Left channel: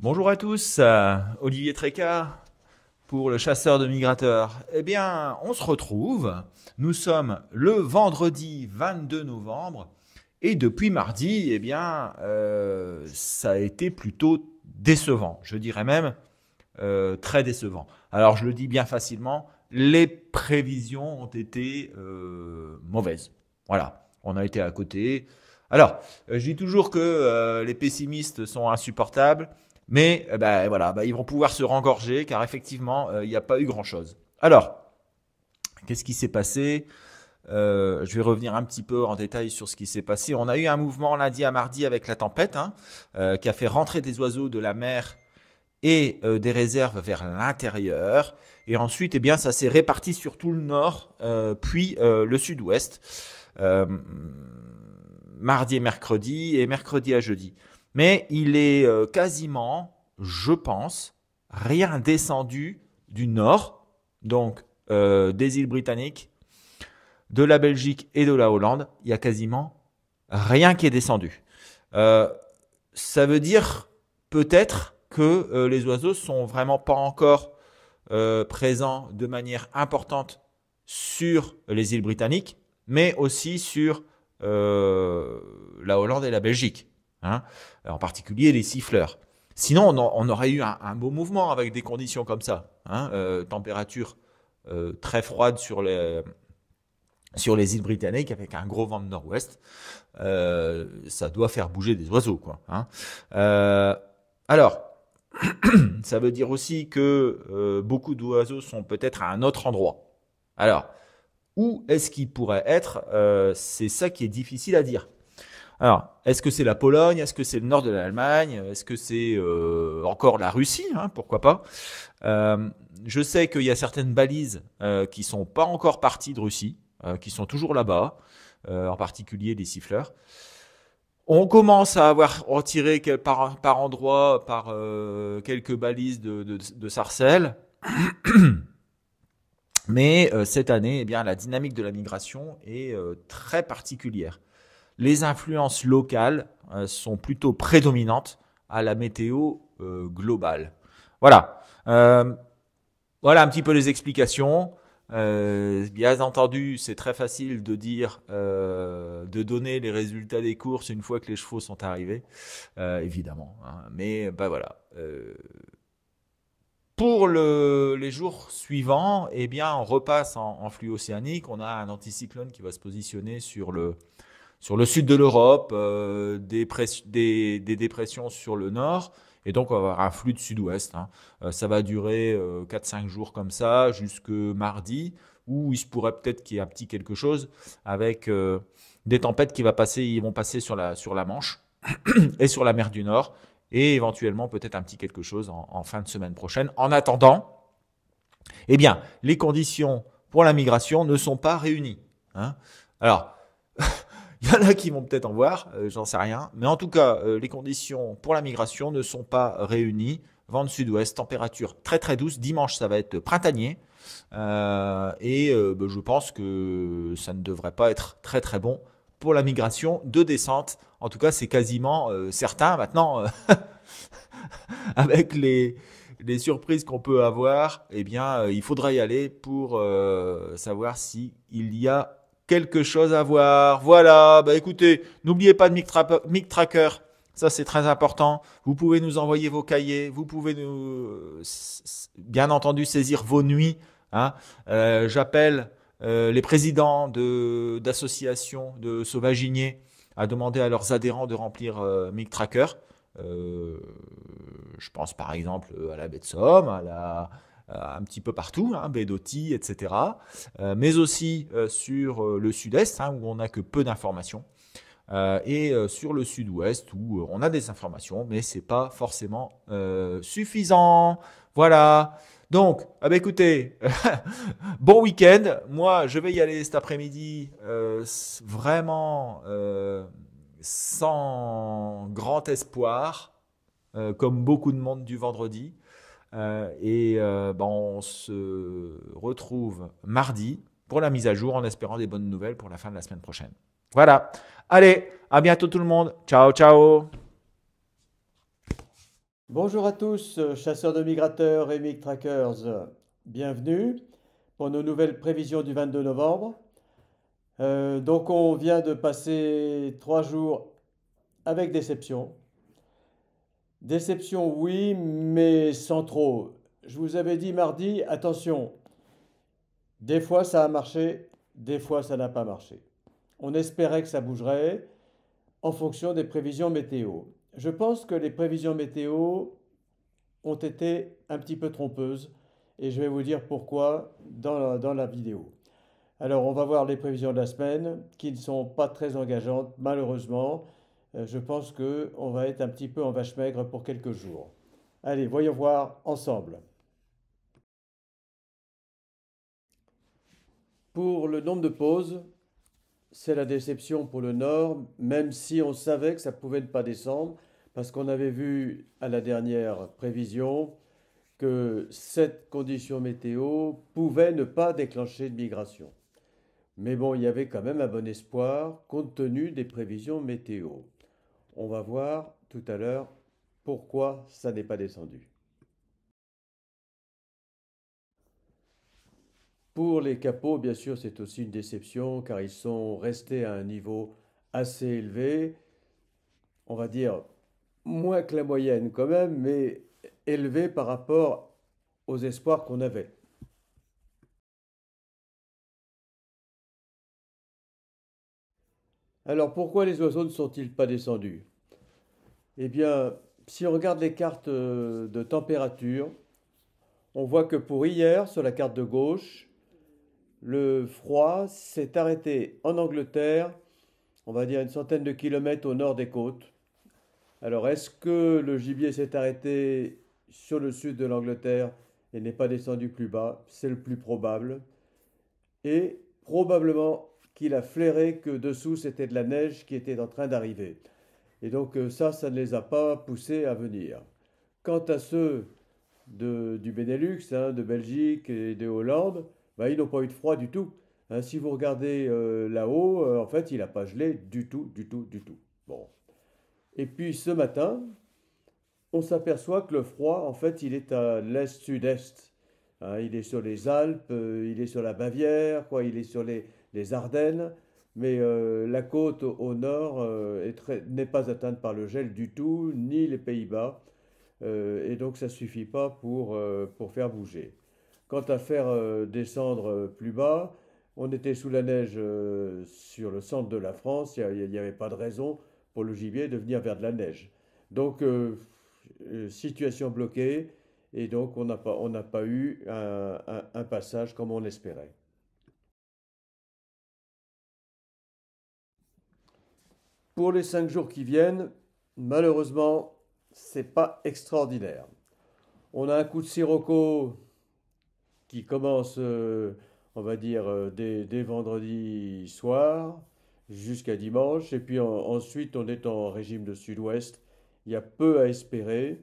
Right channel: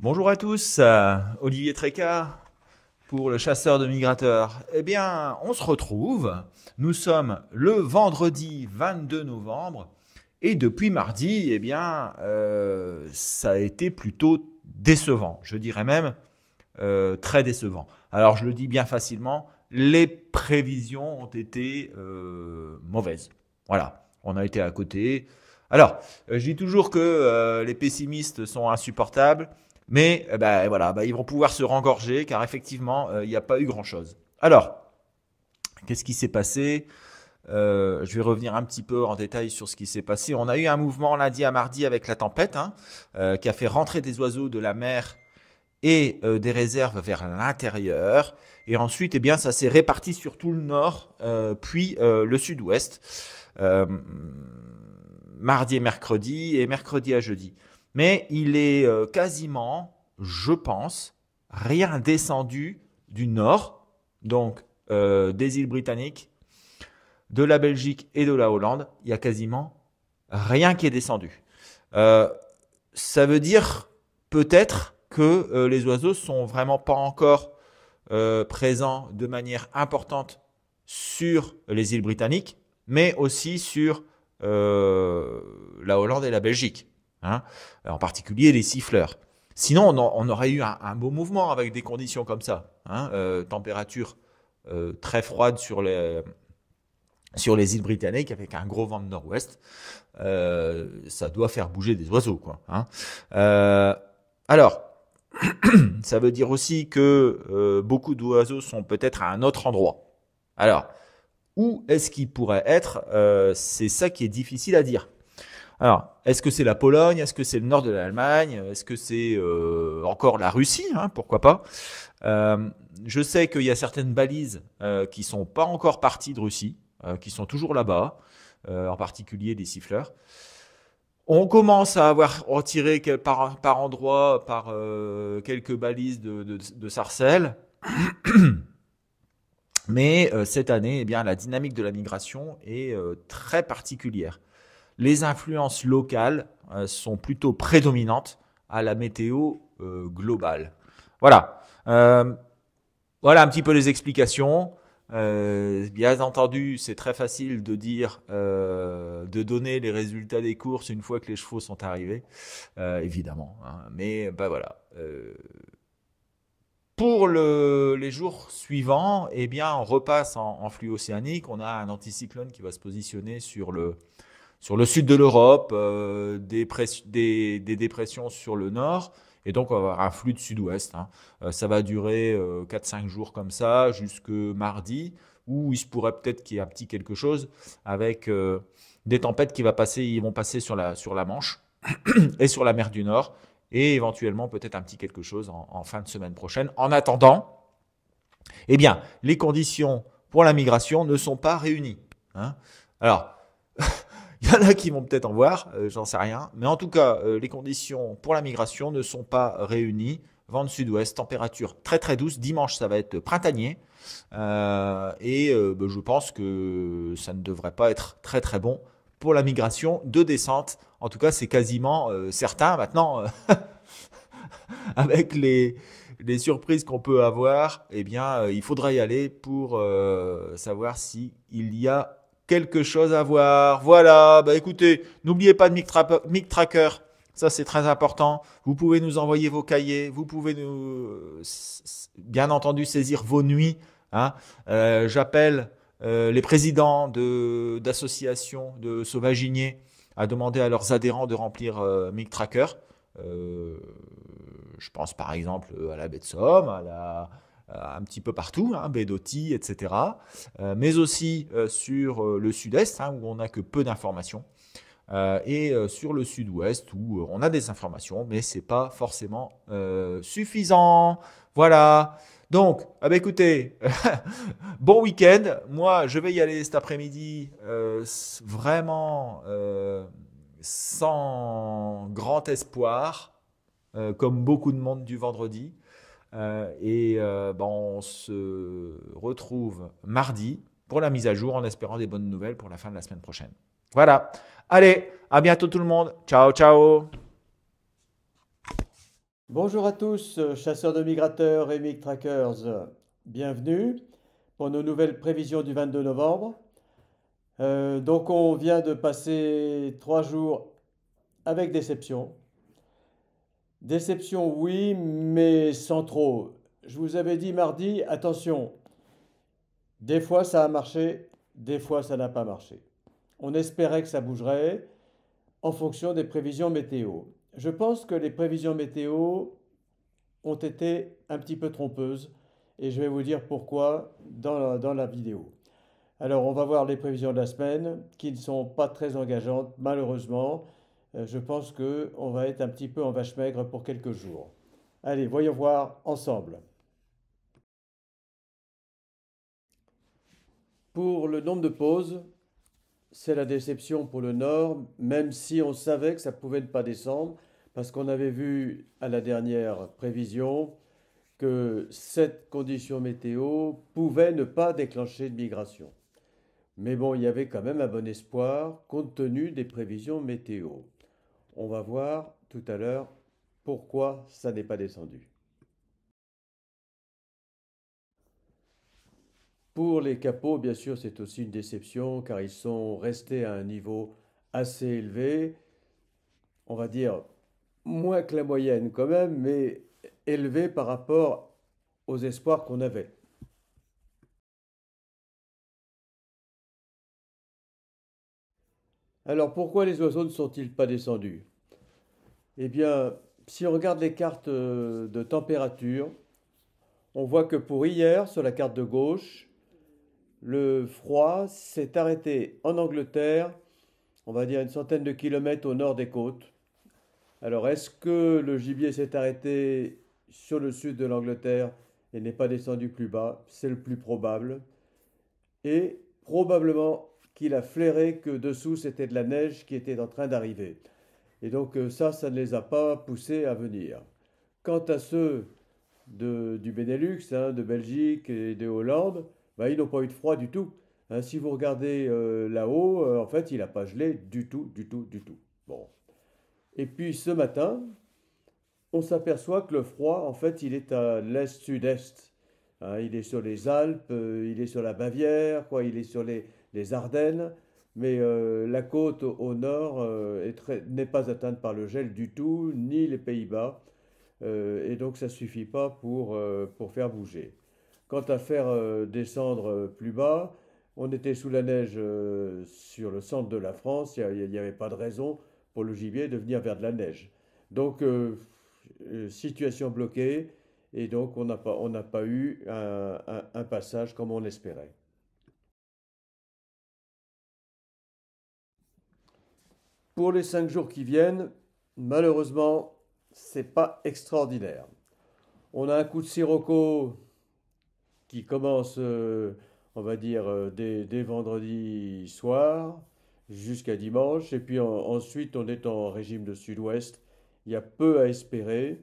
Bonjour à tous, Olivier Trécart pour le chasseur de migrateurs. Eh bien, on se retrouve. Nous sommes le vendredi 22 novembre et depuis mardi, eh bien, ça a été plutôt décevant. Je dirais même très décevant. Alors, je le dis bien facilement, les prévisions ont été mauvaises. Voilà, on a été à côté. Alors, je dis toujours que les pessimistes sont insupportables. Mais voilà, ils vont pouvoir se rengorger car effectivement, il n'y a pas eu grand-chose. Alors, qu'est-ce qui s'est passé? Je vais revenir un petit peu en détail sur ce qui s'est passé. On a eu un mouvement lundi à mardi avec la tempête qui a fait rentrer des oiseaux de la mer et des réserves vers l'intérieur. Et ensuite, eh bien, ça s'est réparti sur tout le nord, puis le sud-ouest, mardi et mercredi à jeudi. Mais il est quasiment, je pense, rien descendu du nord, donc des îles britanniques, de la Belgique et de la Hollande. Il y a quasiment rien qui est descendu. Ça veut dire peut-être que les oiseaux sont vraiment pas encore présents de manière importante sur les îles britanniques, mais aussi sur la Hollande et la Belgique. En particulier les siffleurs. Sinon, on aurait eu un beau mouvement avec des conditions comme ça. Température très froide sur les îles britanniques avec un gros vent de nord-ouest. Ça doit faire bouger des oiseaux, quoi. Alors, ça veut dire aussi que beaucoup d'oiseaux sont peut-être à un autre endroit. Alors, où est-ce qu'ils pourraient être? C'est ça qui est difficile à dire. Alors, est-ce que c'est la Pologne? Est-ce que c'est le nord de l'Allemagne? Est-ce que c'est encore la Russie? Pourquoi pas? Je sais qu'il y a certaines balises qui sont pas encore parties de Russie, qui sont toujours là-bas, en particulier des siffleurs. On commence à avoir retiré par endroit, par quelques balises de sarcelles. Mais cette année, eh bien, la dynamique de la migration est très particulière. Les influences locales sont plutôt prédominantes à la météo globale. Voilà. Voilà un petit peu les explications. Bien entendu, c'est très facile de dire, de donner les résultats des courses une fois que les chevaux sont arrivés, évidemment. Mais voilà. Pour les jours suivants, eh bien, on repasse en flux océanique. On a un anticyclone qui va se positionner sur le sud de l'Europe, des dépressions sur le nord, et donc on va avoir un flux de sud-ouest. Ça va durer 4-5 jours comme ça, jusque mardi, où il se pourrait peut-être qu'il y ait un petit quelque chose avec des tempêtes qui vont passer sur la Manche et sur la mer du Nord, et éventuellement peut-être un petit quelque chose en fin de semaine prochaine. En attendant, eh bien, les conditions pour la migration ne sont pas réunies. Alors, il y en a qui vont peut-être en voir, j'en sais rien. Mais en tout cas, les conditions pour la migration ne sont pas réunies. Vent de sud-ouest, température très très douce. Dimanche, ça va être printanier. Je pense que ça ne devrait pas être très très bon pour la migration de descente. En tout cas, c'est quasiment certain. Maintenant, avec les surprises qu'on peut avoir, eh bien, il faudra y aller pour savoir s'il y a quelque chose à voir. Voilà, écoutez, n'oubliez pas de Mic Tracker, ça c'est très important. Vous pouvez nous envoyer vos cahiers, vous pouvez bien entendu saisir vos nuits. J'appelle les présidents d'associations de sauvaginiers à demander à leurs adhérents de remplir Mic Tracker. Je pense par exemple à la baie de Somme, un petit peu partout, baie d'Authie, etc. Mais aussi sur le sud-est, où on n'a que peu d'informations, et sur le sud-ouest, où on a des informations, mais c'est pas forcément suffisant. Voilà. Donc, écoutez, bon week-end. Moi, je vais y aller cet après-midi, vraiment sans grand espoir, comme beaucoup de monde du vendredi. On se retrouve mardi pour la mise à jour en espérant des bonnes nouvelles pour la fin de la semaine prochaine. Voilà. Allez, à bientôt tout le monde. Ciao, ciao. Bonjour à tous, chasseurs de migrateurs et mig trackers. Bienvenue pour nos nouvelles prévisions du 22 novembre. Donc on vient de passer 3 jours avec déception. Déception oui, mais sans trop. Je vous avais dit mardi, attention, des fois ça a marché, des fois ça n'a pas marché. On espérait que ça bougerait en fonction des prévisions météo. Je pense que les prévisions météo ont été un petit peu trompeuses et je vais vous dire pourquoi dans la vidéo. Alors, on va voir les prévisions de la semaine qui ne sont pas très engageantes, malheureusement. Je pense qu'on va être un petit peu en vache maigre pour quelques jours. Allez, voyons voir ensemble. Pour le nombre de pauses, c'est la déception pour le Nord, même si on savait que ça pouvait ne pas descendre, parce qu'on avait vu à la dernière prévision que cette condition météo pouvait ne pas déclencher de migration. Mais bon, il y avait quand même un bon espoir compte tenu des prévisions météo. On va voir tout à l'heure pourquoi ça n'est pas descendu. Pour les capots, bien sûr, c'est aussi une déception car ils sont restés à un niveau assez élevé, on va dire moins que la moyenne quand même, mais élevé par rapport aux espoirs qu'on avait. Alors pourquoi les oiseaux ne sont-ils pas descendus? Eh bien, si on regarde les cartes de température, on voit que pour hier, sur la carte de gauche, le froid s'est arrêté en Angleterre, on va dire une centaine de kilomètres au nord des côtes. Alors, est-ce que le gibier s'est arrêté sur le sud de l'Angleterre et n'est pas descendu plus bas? C'est le plus probable. Et probablement qu'il a flairé que dessous c'était de la neige qui était en train d'arriver. Et donc ça ne les a pas poussés à venir. Quant à ceux du Benelux, hein, de Belgique et de Hollande, bah, ils n'ont pas eu de froid du tout. Hein, si vous regardez là-haut, en fait, il n'a pas gelé du tout, du tout, du tout. Bon. Et puis ce matin, on s'aperçoit que le froid, en fait, il est à l'est-sud-est. Hein, il est sur les Alpes, il est sur la Bavière, quoi, il est sur les Ardennes, mais la côte au nord n'est pas atteinte par le gel du tout, ni les Pays-Bas. Et donc ça ne suffit pas pour faire bouger. Quant à faire descendre plus bas, on était sous la neige sur le centre de la France, il n'y avait pas de raison pour le gibier de venir vers de la neige. Donc situation bloquée, et donc on n'a pas eu un passage comme on espérait. Pour les 5 jours qui viennent, malheureusement, c'est pas extraordinaire. On a un coup de sirocco qui commence, on va dire, dès vendredi soir jusqu'à dimanche. Et puis ensuite, on est en régime de sud-ouest. Il y a peu à espérer.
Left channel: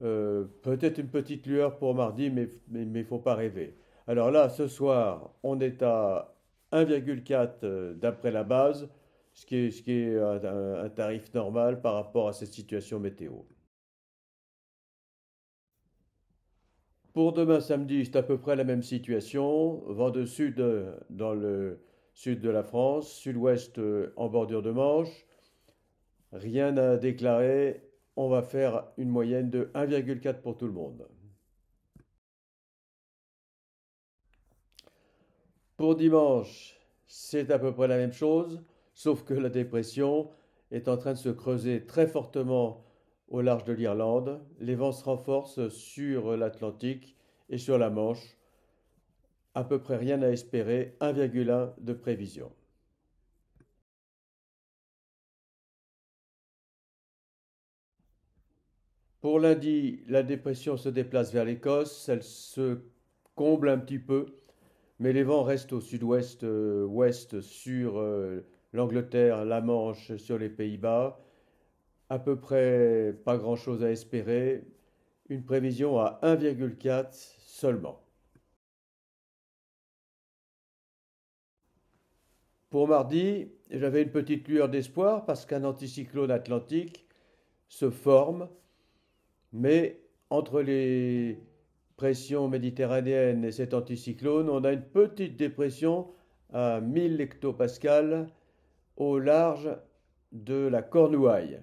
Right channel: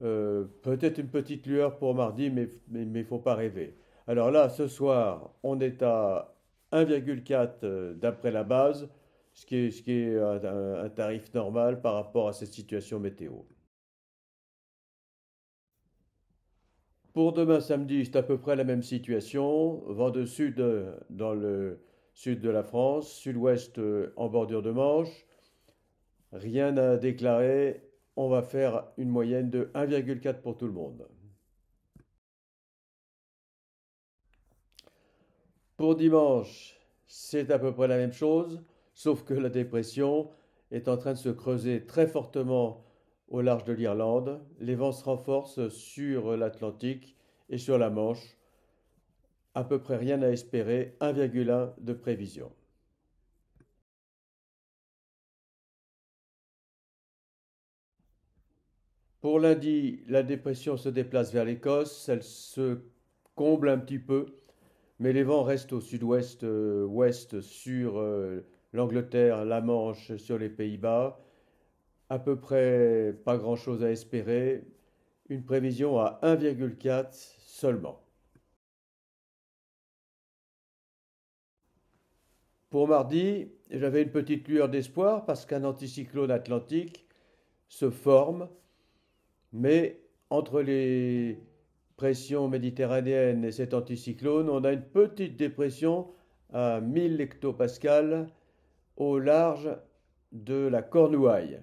Peut-être une petite lueur pour mardi, mais faut pas rêver. Alors là, ce soir, on est à 1,4 d'après la base, ce qui est un tarif normal par rapport à cette situation météo. Pour demain samedi, c'est à peu près la même situation. Vent de sud dans le sud de la France, sud-ouest en bordure de Manche. Rien à déclarer. On va faire une moyenne de 1,4 pour tout le monde. Pour dimanche, c'est à peu près la même chose, sauf que la dépression est en train de se creuser très fortement au large de l'Irlande. Les vents se renforcent sur l'Atlantique et sur la Manche. À peu près rien à espérer, 1,1 de prévision. Pour lundi, la dépression se déplace vers l'Écosse, elle se comble un petit peu, mais les vents restent au sud-ouest, ouest sur l'Angleterre, la Manche, sur les Pays-Bas. À peu près pas grand-chose à espérer, une prévision à 1,4 seulement. Pour mardi, j'avais une petite lueur d'espoir parce qu'un anticyclone atlantique se forme. Mais entre les pressions méditerranéennes et cet anticyclone, on a une petite dépression à 1000 hectopascales au large de la Cornouaille.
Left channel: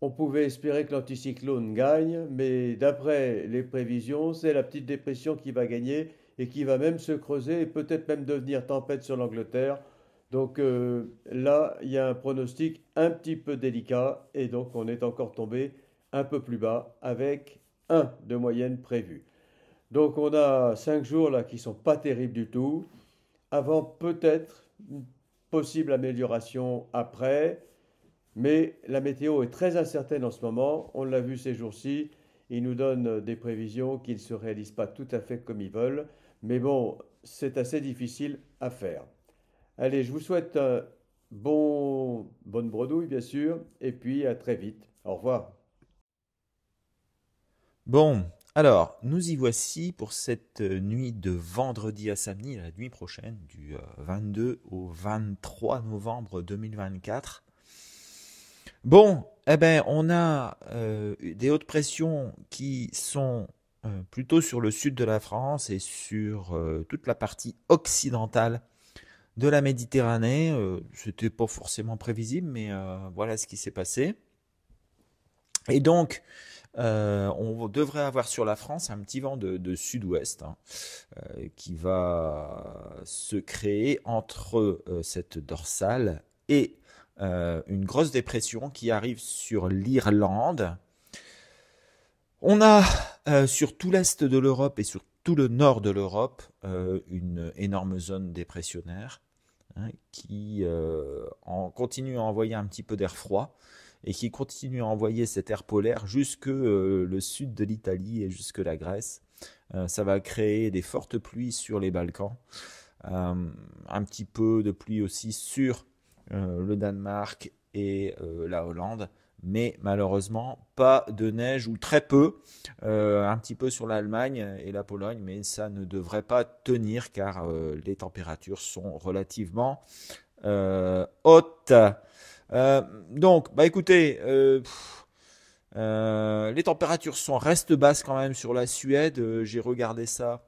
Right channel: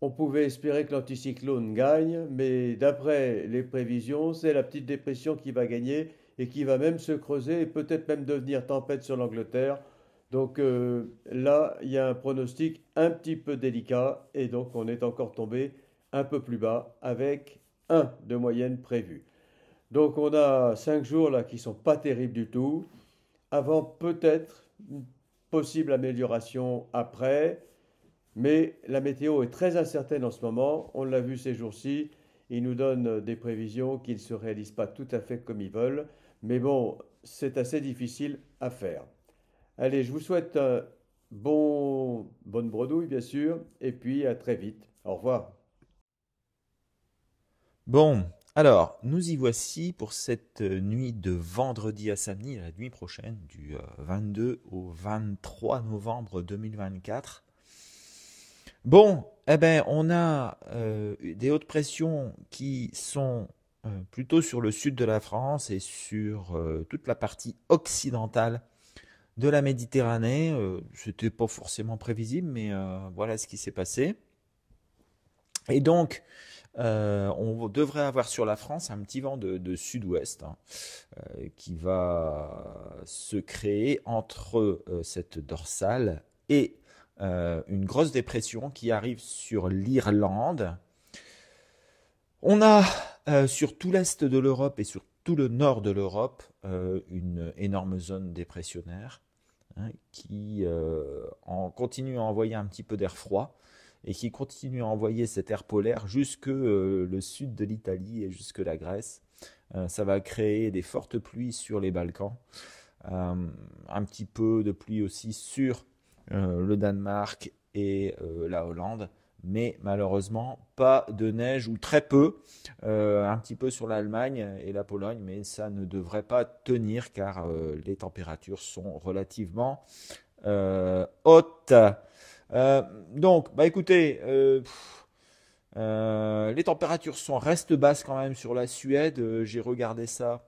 On pouvait espérer que l'anticyclone gagne, mais d'après les prévisions, c'est la petite dépression qui va gagner et qui va même se creuser et peut-être même devenir tempête sur l'Angleterre. Donc là, il y a un pronostic un petit peu délicat et donc on est encore tombé un peu plus bas avec un de moyenne prévu. Donc on a 5 jours là qui sont pas terribles du tout, avant peut-être une possible amélioration après. Mais la météo est très incertaine en ce moment. On l'a vu ces jours-ci. Ils nous donnent des prévisions qui ne se réalisent pas tout à fait comme ils veulent. Mais bon, c'est assez difficile à faire. Allez, je vous souhaite bonne bredouille, bien sûr. Et puis à très vite. Au revoir. Bon, alors, nous y voici pour cette nuit de vendredi à samedi, la nuit prochaine, du 22 au 23 novembre 2024. Bon, eh ben, on a des hautes pressions qui sont plutôt sur le sud de la France et sur toute la partie occidentale de la Méditerranée. C'était pas forcément prévisible, mais voilà ce qui s'est passé. Et donc, on devrait avoir sur la France un petit vent de sud-ouest, hein, qui va se créer entre cette dorsale et une grosse dépression qui arrive sur l'Irlande. On a sur tout l'est de l'Europe et sur tout le nord de l'Europe une énorme zone dépressionnaire, hein, qui continue à envoyer un petit peu d'air froid et qui continue à envoyer cet air polaire jusque le sud de l'Italie et jusque la Grèce. Ça va créer des fortes pluies sur les Balkans, euh, un petit peu de pluie aussi sur le Danemark et la Hollande, mais malheureusement pas de neige ou très peu, un petit peu sur l'Allemagne et la Pologne, mais ça ne devrait pas tenir car les températures sont relativement hautes. Donc, bah écoutez, les températures restent basses quand même sur la Suède. J'ai regardé ça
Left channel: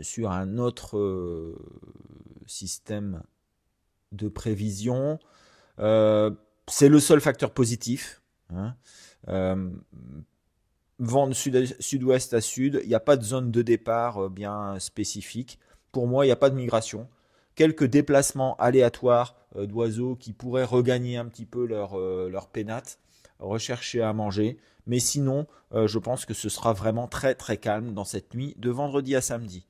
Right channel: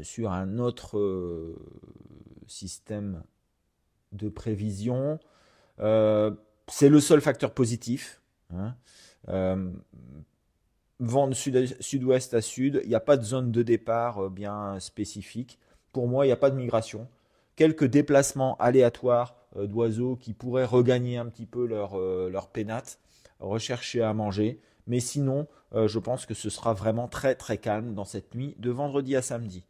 sur un autre système de prévision. Euh, c'est le seul facteur positif, hein. Euh, Vent de sud-ouest à sud, il n'y a pas de zone de départ bien spécifique. Pour moi, il n'y a pas de migration. Quelques déplacements aléatoires d'oiseaux qui pourraient regagner un petit peu leur pénate, rechercher à manger. Mais sinon, je pense que ce sera vraiment très très calme dans cette nuit de vendredi à samedi.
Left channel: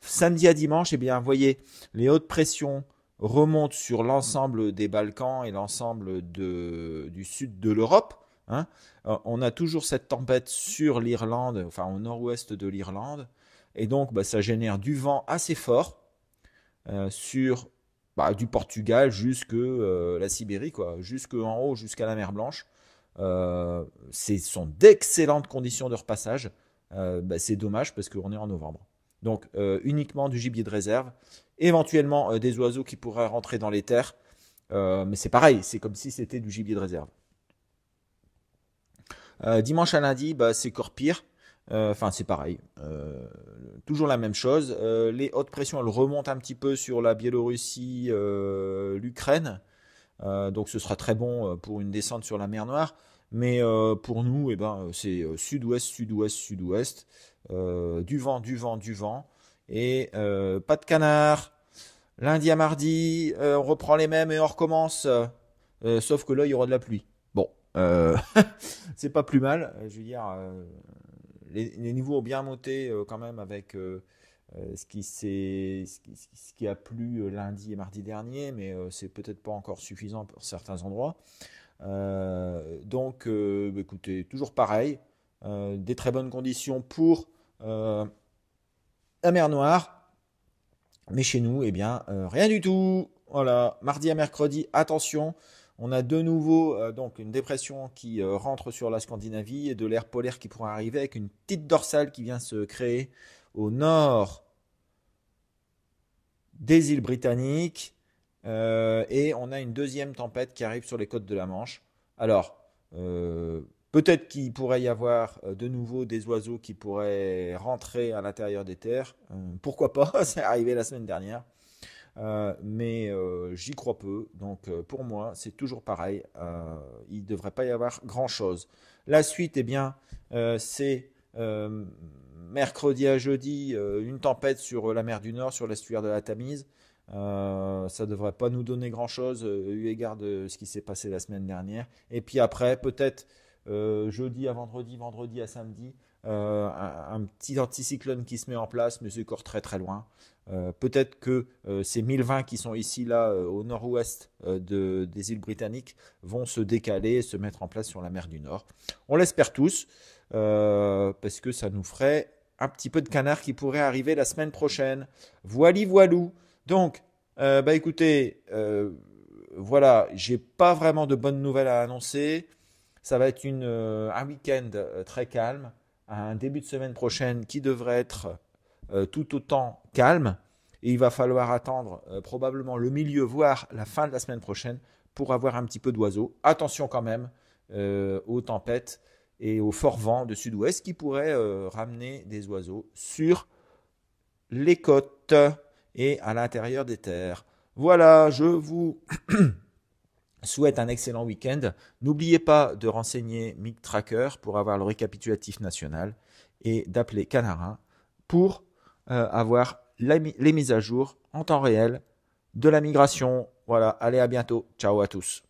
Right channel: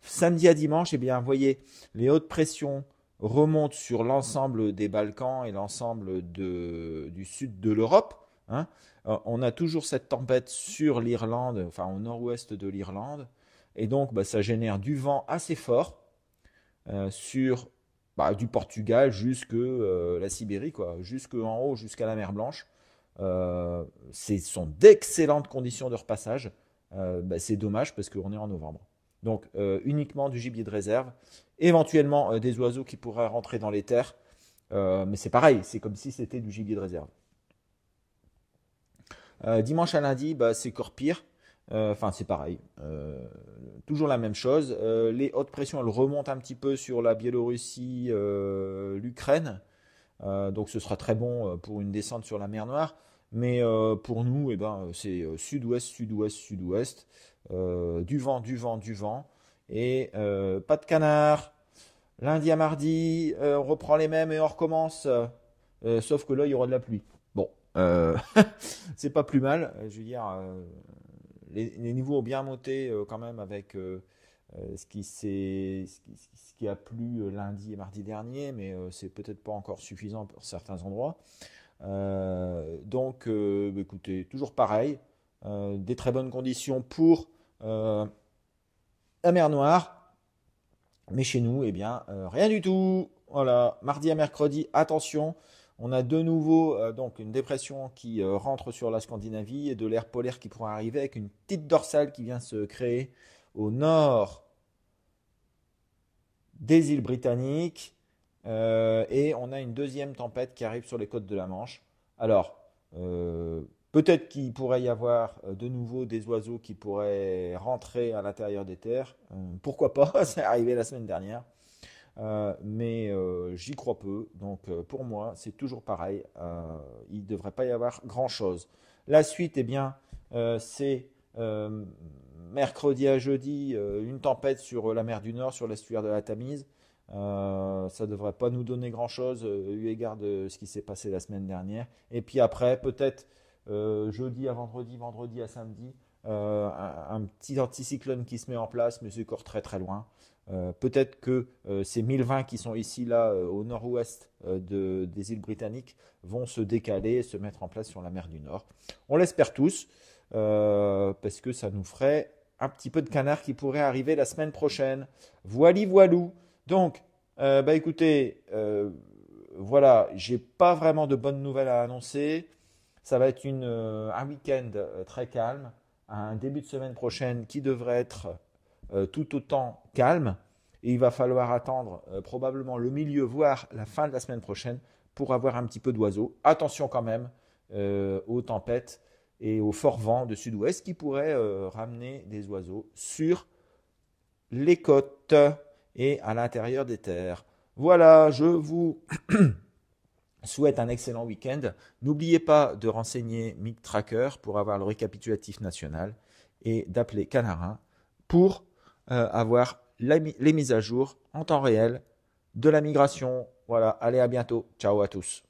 Samedi à dimanche, eh bien, vous voyez, les hautes pressions remontent sur l'ensemble des Balkans et l'ensemble du sud de l'Europe, hein. On a toujours cette tempête sur l'Irlande, enfin au nord-ouest de l'Irlande, et donc bah, ça génère du vent assez fort sur du Portugal jusque la Sibérie, quoi, jusque en haut, jusqu'à la mer Blanche. Ce sont d'excellentes conditions de repassage. C'est dommage parce qu'on est en novembre. Donc uniquement du gibier de réserve, éventuellement des oiseaux qui pourraient rentrer dans les terres, mais c'est pareil, c'est comme si c'était du gibier de réserve. Dimanche à lundi, bah, c'est encore pire. Enfin, c'est pareil. Toujours la même chose. Les hautes pressions, elles remontent un petit peu sur la Biélorussie, l'Ukraine. Donc ce sera très bon pour une descente sur la mer Noire. Mais pour nous, eh ben, c'est sud-ouest, sud-ouest, sud-ouest. Du vent, du vent, du vent. Et pas de canard. Lundi à mardi, on reprend les mêmes et on recommence. Sauf que là, il y aura de la pluie. Bon, c'est pas plus mal. Je veux dire, les niveaux ont bien monté quand même avec ce qui a plu lundi et mardi dernier, mais c'est peut-être pas encore suffisant pour certains endroits. Donc, écoutez, toujours pareil, des très bonnes conditions pour la mer Noire, mais chez nous, eh bien, rien du tout. Voilà, mardi à mercredi, attention, on a de nouveau donc une dépression qui rentre sur la Scandinavie et de l'air polaire qui pourrait arriver avec une petite dorsale qui vient se créer au nord des îles britanniques. Et on a une deuxième tempête qui arrive sur les côtes de la Manche. Alors, Peut-être qu'il pourrait y avoir de nouveau des oiseaux qui pourraient rentrer à l'intérieur des terres. Pourquoi pas? C'est arrivé la semaine dernière. Mais j'y crois peu. Donc pour moi, c'est toujours pareil. Il ne devrait pas y avoir grand-chose. La suite, eh bien, c'est mercredi à jeudi, une tempête sur la mer du Nord, sur l'estuaire de la Tamise. Ça ne devrait pas nous donner grand-chose eu égard de ce qui s'est passé la semaine dernière. Et puis après, peut-être jeudi à vendredi, vendredi à samedi, un petit anticyclone qui se met en place, mais c'est encore très très loin. Peut-être que ces 1020 qui sont ici, là, au nord-ouest des îles britanniques, vont se décaler et se mettre en place sur la mer du Nord. On l'espère tous, parce que ça nous ferait un petit peu de canard qui pourrait arriver la semaine prochaine. Voili voilou. Donc, bah écoutez, voilà, j'ai pas vraiment de bonnes nouvelles à annoncer. Ça va être un week-end très calme, un début de semaine prochaine qui devrait être tout autant calme. Et il va falloir attendre probablement le milieu, voire la fin de la semaine prochaine pour avoir un petit peu d'oiseaux. Attention quand même aux tempêtes et aux forts vents de sud-ouest qui pourraient ramener des oiseaux sur les côtes et à l'intérieur des terres. Voilà, je vous souhaite un excellent week-end. N'oubliez pas de renseigner Mic Tracker pour avoir le récapitulatif national et d'appeler Canarin pour avoir les mises à jour en temps réel de la migration. Voilà, allez à bientôt. Ciao à tous.